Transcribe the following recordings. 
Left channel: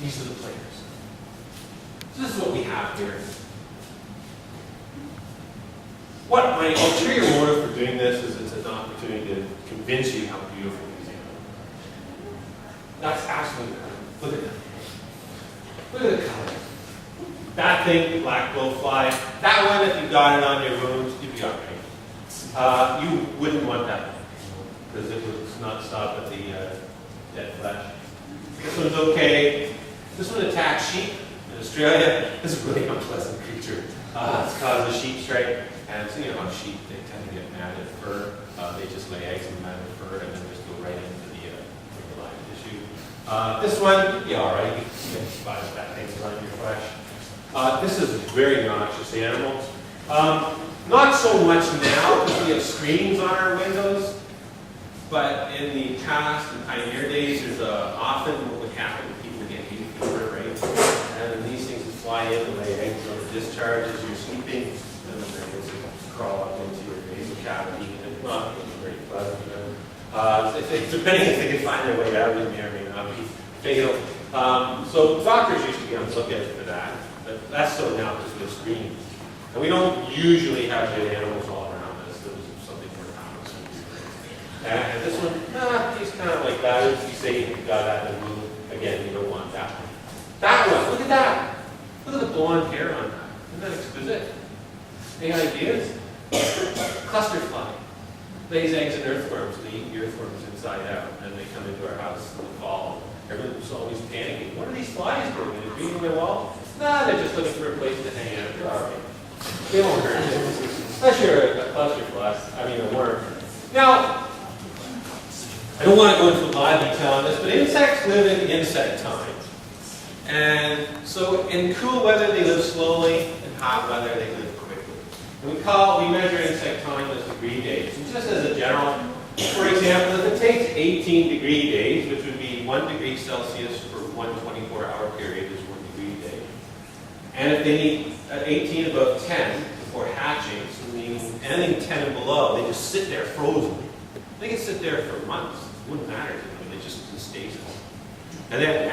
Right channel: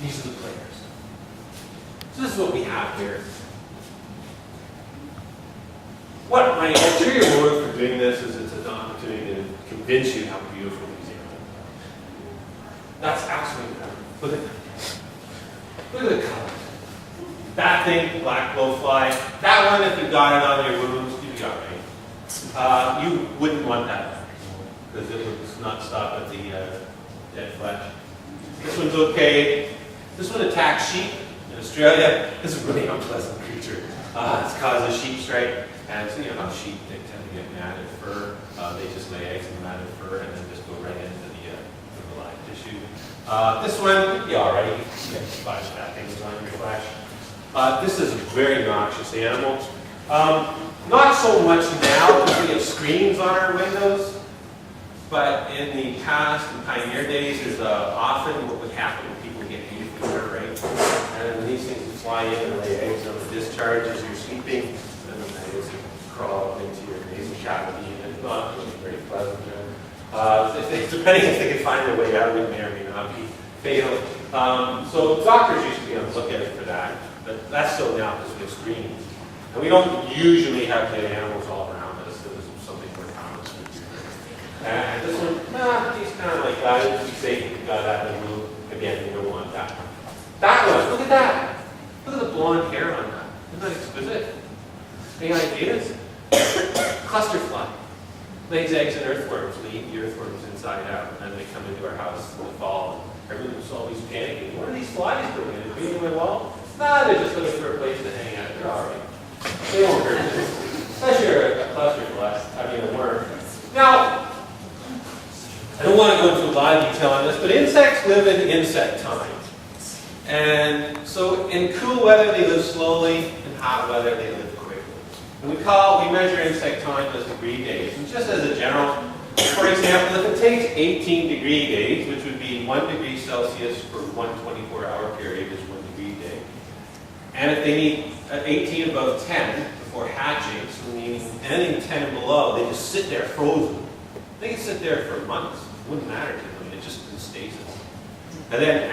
These are the players. So this is what we have here. What my ulterior motive for doing this is it's an opportunity to convince you how beautiful these animals are. That's absolutely incredible. Look at them. Look at the colors. That thing, the black blowfly, that one, if you got it on your wounds, you'd be all right. You wouldn't want that one, because it would not stop at the dead flesh. This one's okay. This one attacks sheep in Australia. This is a really unpleasant creature. It's caused a sheep strike. And so you know how sheep, they tend to get matted fur. They just lay eggs in the matted fur and then just go right into the live tissue. This one, you'd be all right. You get spider fat things on your flesh. This is a very noxious animal. Not so much now because we have screens on our windows, but in the past, in pioneer days, there's often what would happen when people would get hay fever, right? And these things would fly in and lay eggs on the discharge as you're sleeping, and then the eggs would crawl up into your nasal cavity, and it's not very pleasant. Depending if they can find their way out, it may or may not be fatal. So doctors used to be on the lookout for that, but that's so now because we have screens. And we don't usually have dead animals all around us. It was something more common. And this one, he's kind of like that. If you say you got that in the blue, again, you don't want that one. That one, look at that. Look at the blonde hair on that. Isn't that exquisite? Any ideas? Cluster fly. Lays eggs in earthworms. They eat the earthworms inside out. And then they come into our house in the fall. Everyone's always panicking. What are these flies doing? Are they beating my wall? Nah, they're just looking for a place to hang out. They're all right. They won't hurt you. Unless you're a cluster fly. I mean, a worm. Now, I don't want to go into a lot of detail on this, but insects live in insect time. And so in cool weather, they live slowly. In hot weather, they live quickly. And we measure insect time as degree days. And just as a general, for example, if it takes 18 degree days, which would be 1 degree Celsius for one 24-hour period is 1 degree day. And if they need 18 above 10 before hatching, so meaning anything 10 and below, they just sit there frozen. They can sit there for months. It wouldn't matter to them. They just in stasis. And then, is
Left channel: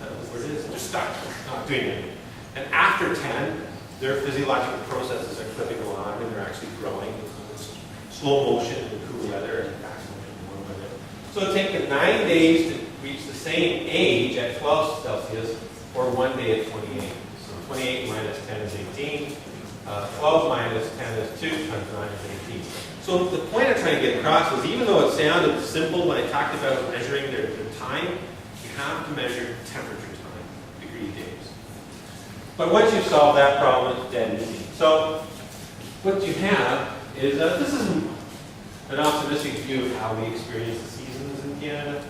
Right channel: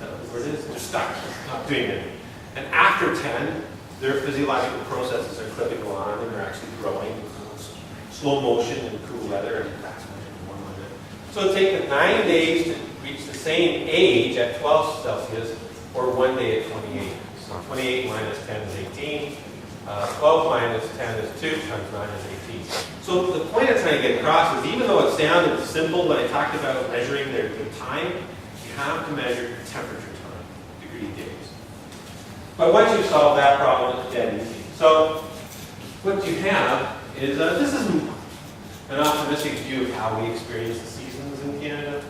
that what the word is? They're stuck, not doing anything. And after 10, their physiological processes are clipping along and they're actually growing. Slow motion in cool weather and fast motion in warm weather. So it takes 9 days to reach the same age at 12 Celsius or 1 day at 28. So 28 minus 10 is 18. 12 minus 10 is 2 times 9 is 18. So the point I'm trying to get across is even though it sounded simple when I talked about measuring their time, you have to measure temperature time, degree days. But once you solve that problem, it's dead easy. So what you have is, this is an optimistic view of how we experience the seasons in Canada.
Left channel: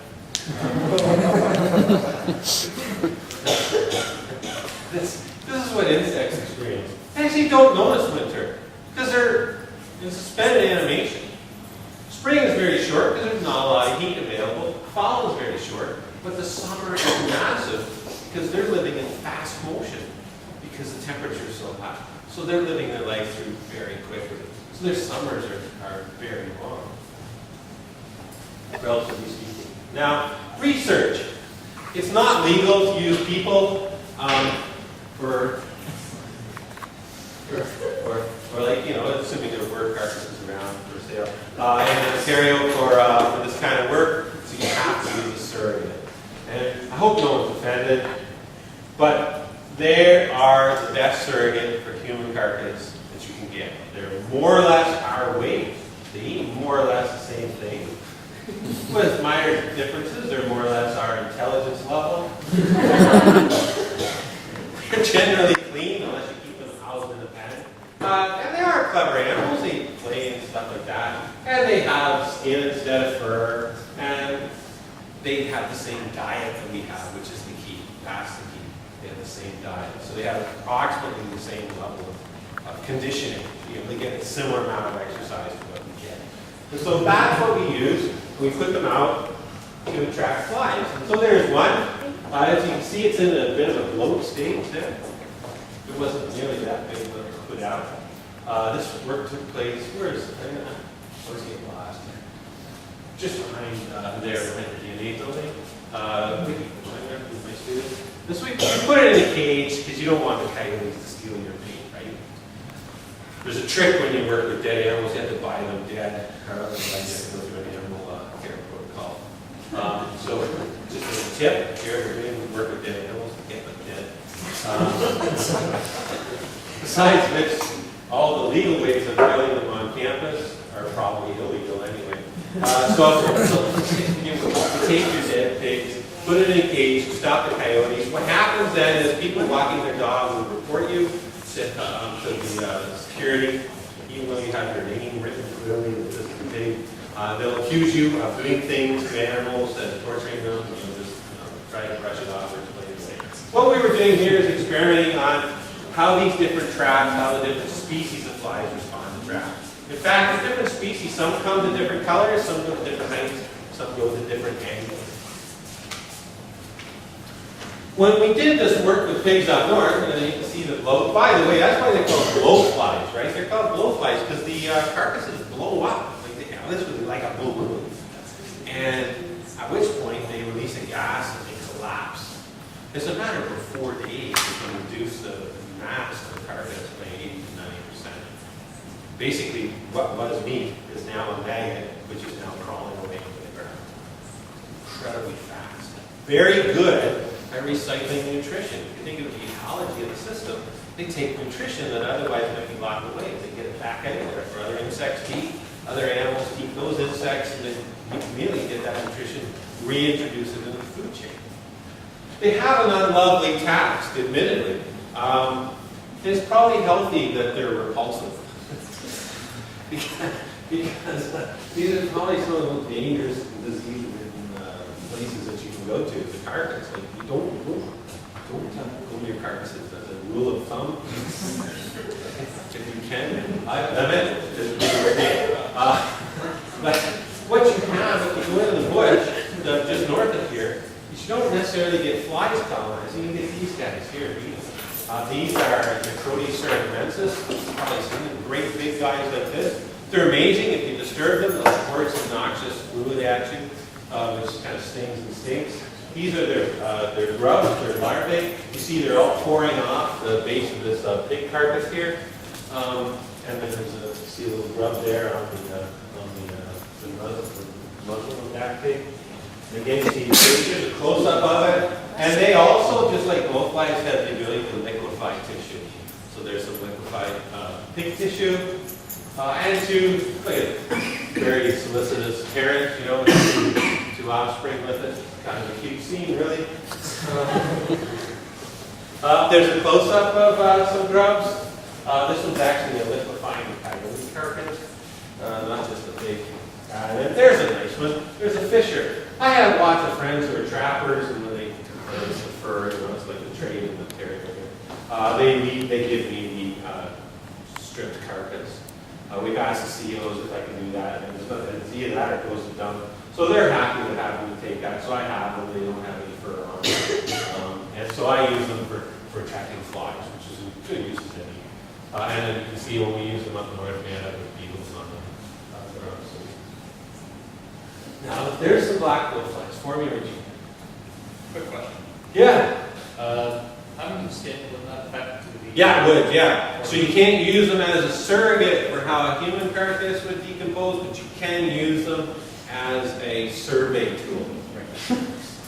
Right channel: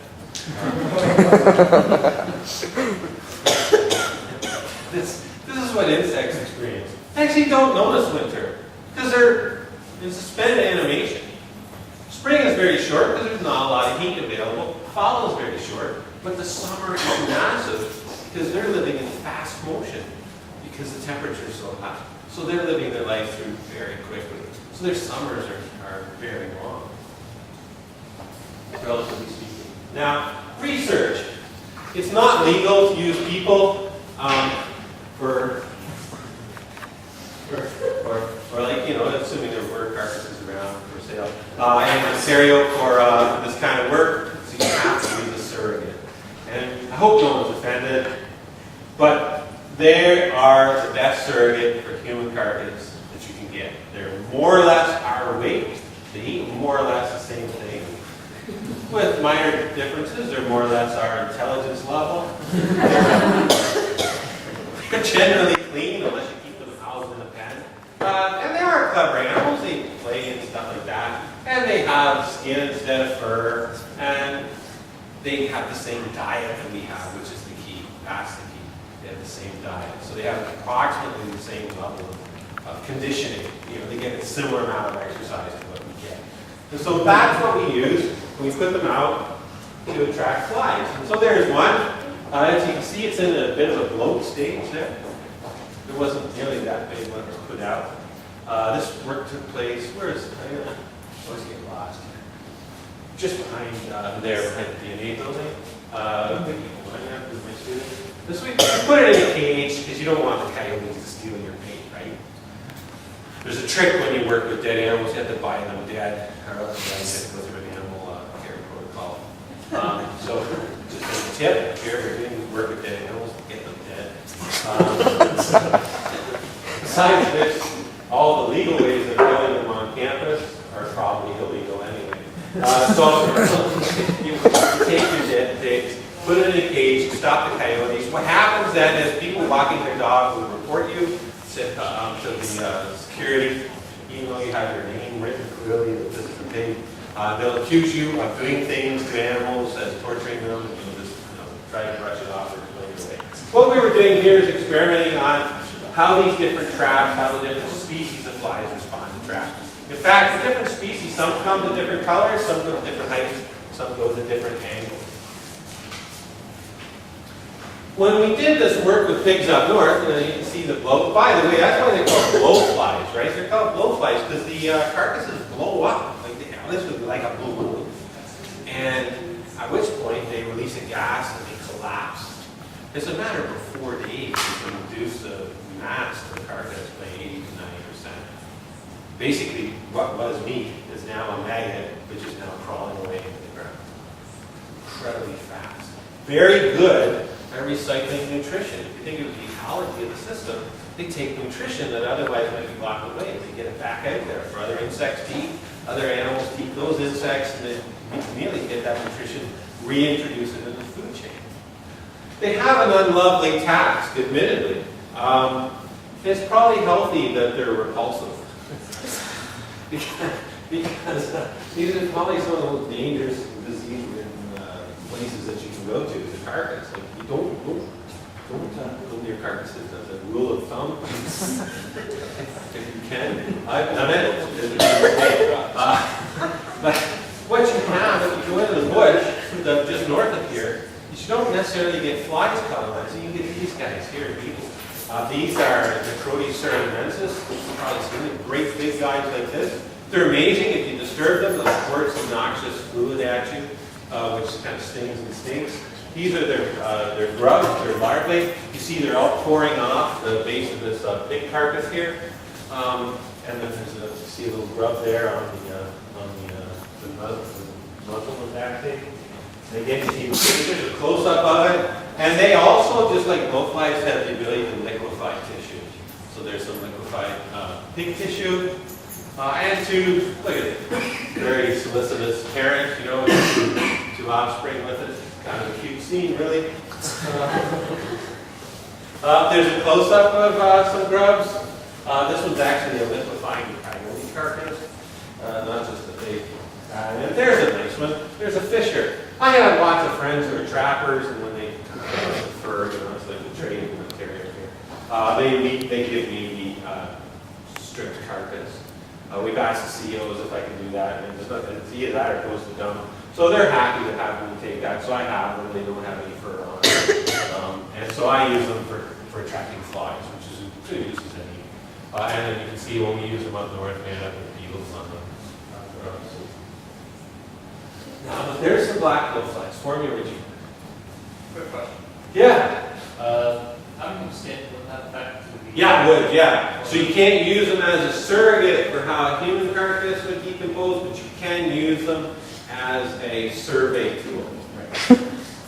This is what insects experience. They actually don't notice winter because they're in suspended animation. Spring is very short because there's not a lot of heat available. Fall is very short, but the summer is massive because they're living in fast motion because the temperature is so high. So they're living their life through very quickly. So their summers are very long, relatively speaking. Now, research. It's not legal to use people or like, you know, assuming there were carcasses around for sale in Ontario for this kind of work, so you have to use a surrogate. And I hope no one's offended, but they are the best surrogate for human carcass that you can get. They're more or less our weight. They eat more or less the same thing. With minor differences, they're more or less our intelligence level. They're generally clean unless you keep them housed in a pen. And they are clever animals. They play and stuff like that. And they have skin instead of fur. And they have the same diet that we have, which is the key. That's the key. They have the same diet. So they have approximately the same level of conditioning. You know, they get a similar amount of exercise to what we get. And so that's what we use. We put them out to attract flies. And so there's one. As you can see, it's in a bit of a bloat stage there. It wasn't nearly that big when it was put out. This work took place, where is it? I always get lost here. Just behind there, behind the DNA building. Who's my student? This way, you put it in a cage because you don't want the coyotes to steal your bait, right? There's a trick when you work with dead animals. You have to buy them dead, or otherwise you have to go through an animal care protocol. So, just as a tip, if you're ever doing work with dead animals, get them dead. Besides which, all the legal ways of killing them on campus are probably illegal anyway. So you take your dead pigs, put it in a cage, stop the coyotes. What happens then is people walking their dog will report you to the security, even though you have your name written clearly that this is a pig. They'll accuse you of doing things to animals as torturing them, and you'll just try to brush it off or explain it away. What we were doing here is experimenting on how these different traps, how the different species of flies respond to traps. In fact, the different species, some come to different colors, some go to different heights, some go to different angles. When we did this work with pigs up north, you can see the blow. By the way, that's why they're called blowflies, right? They're called blowflies because the carcasses blow up, like they literally like a balloon. And at which point they release a gas and they collapse. It's a matter of 4 days you can reduce the mass of the carcass by 80 to 90%. Basically, what was meat is now a maggot, which is now crawling away into the ground. Incredibly fast. Very good at recycling nutrition. If you think of the ecology of the system, they take nutrition that otherwise might be locked away. They get it back out there for other insects to eat, other animals to eat those insects, and then we can really get that nutrition, reintroduce it in the food chain. They have an unlovely task, admittedly. It's probably healthy that they're repulsive. because these are probably some of the most dangerous disease-ridden places that you can go to, the carcass. Like, you don't go near carcasses as a rule of thumb. If you can. I've done it. But what you have, if you go into the bush, just north of here, you don't necessarily get flies colonizing. You get these guys here, beetles. These are Necrotes ceramensis. You've probably seen them. Great big guys like this. They're amazing. If you disturb them, they'll squirt some noxious fluid at you, which kind of stings and stinks. These are their grubs, their larvae. You see they're all pouring off the base of this pig carcass here. And then you see a little grub there on the muzzle of that pig. And again, you see the pictures, a close-up of it. And they also, just like blowflies, have the ability to liquefy tissue. So there's some liquefied pig tissue. And two, look at it, very solicitous parents, you know, two offspring with it. Kind of a cute scene, really. There's a close-up of some grubs. This one's actually a liquefying coyote carcass, not just a pig. And there's a nice one. There's a fisher. I have lots of friends who are trappers, and when they the fur, you know, it's like the trade in Ontario here. They give me the stripped carcass. We've asked the CEOs if I can do that, and it's either that or it goes to dump. So they're happy to have me take that. So I have them. They don't have any fur on them. And so I use them for attracting flies, which is a good use as any. And then you can see when we use them up north, man, have the beetles on them. Now, there's some black blowflies. For me, Richie. Quick question. Yeah. How do you skin? Would that affect the... Yeah, would, yeah. So you can't use them as a surrogate for how a human carcass would decompose, but you can use them as a survey tool. Right.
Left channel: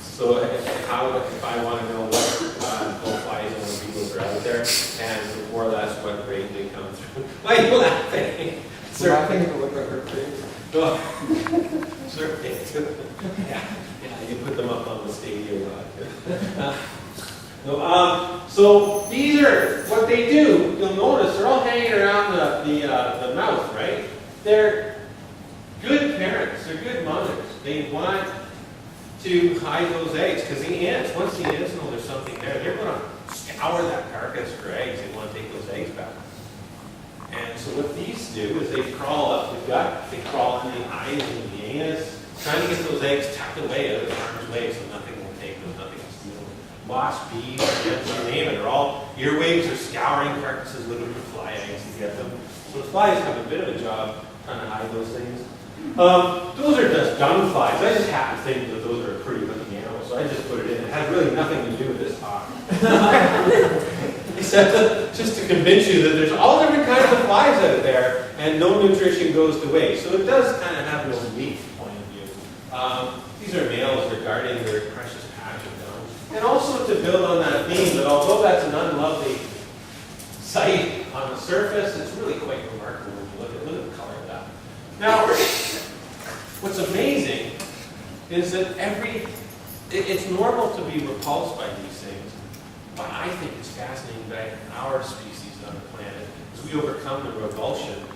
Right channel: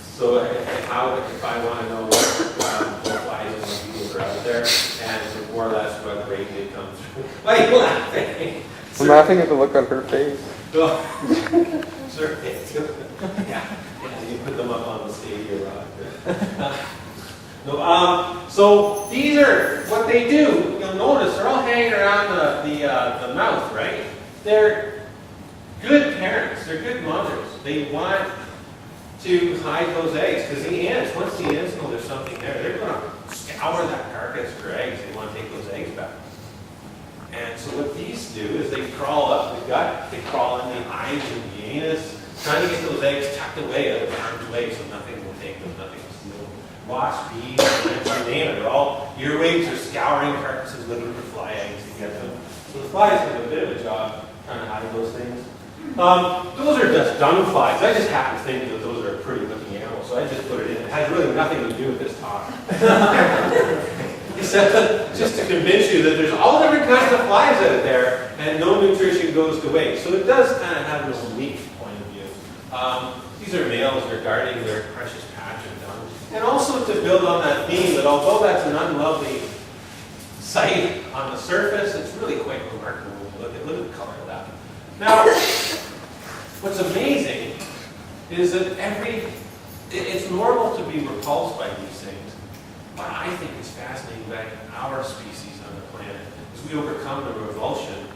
So if I want to know what blowflies and what beetles are out there, and more or less what rate they come through. Why are you laughing? I'm laughing at the look on her face. Survey tool. Yeah, you put them up on the stadium rock. So these are what they do. You'll notice they're all hanging around the mouth, right? They're good parents. They're good mothers. They want to hide those eggs because the ants, once the ants know there's something there, they're going to scour that carcass for eggs. They want to take those eggs back. And so what these do is they crawl up the gut, they crawl in the eyes and the anus, trying to get those eggs tucked away out of harm's way so nothing will take them, nothing will steal them. Wasps, bees, ants, you name it, they're all earwigs are scouring carcasses looking for fly eggs to get them. So the flies have a bit of a job trying to hide those things. Those are just dung flies. I just happen to think that those are a pretty looking animal, so so I just put it in. It has really nothing to do with this talk. Except just to convince you that there's all different kinds of flies out there, and no nutrition goes to waste. So it does kind of have a unique point of view. These are males regarding their precious patch of dung. And also to build on that theme that although that's an unlovely sight on the surface, it's really quite remarkable when you look at the color of that. Now, what's amazing is that it's normal to be repulsed by these things, but I think it's fascinating that our species on the planet, as we overcome the revulsion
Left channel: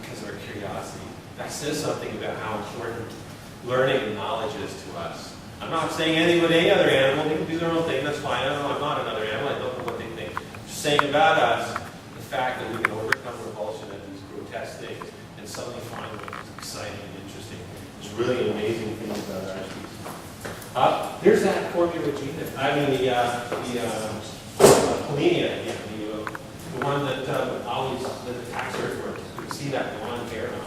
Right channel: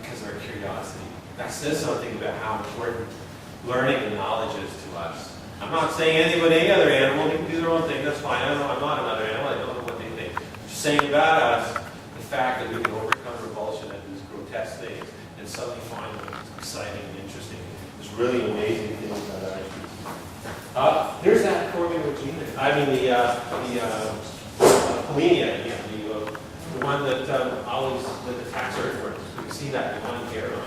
because of our curiosity, that says something about how important learning and knowledge is to us. I'm not saying anything about any other animal. They can do their own thing. That's fine. I'm not another animal. I don't know what they think. I'm just saying about us, the fact that we can overcome revulsion at these grotesque things and suddenly find what's exciting and interesting is really amazing thing about our species. Here's that formula gene. I mean the Polenia again, the one that always that attacks earthworms. You can see that blonde hair on it.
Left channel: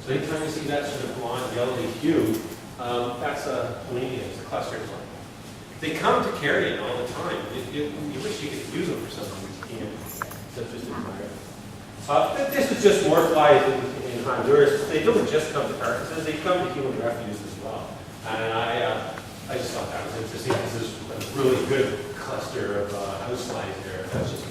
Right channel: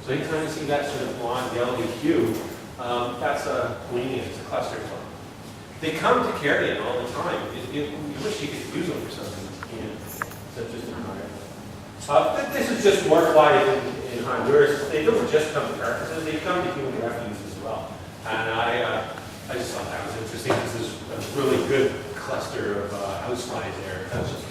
So anytime you see that sort of blonde, yellowy hue, that's a Polenia, it's a cluster fly. They come to carrion all the time. You wish you could use them for something, you can't. So just admire. This is just more flies in Honduras. They don't just come to carcasses, they come to human refuse as well. And I just thought that was interesting. This is a really good cluster of house flies there. That's just a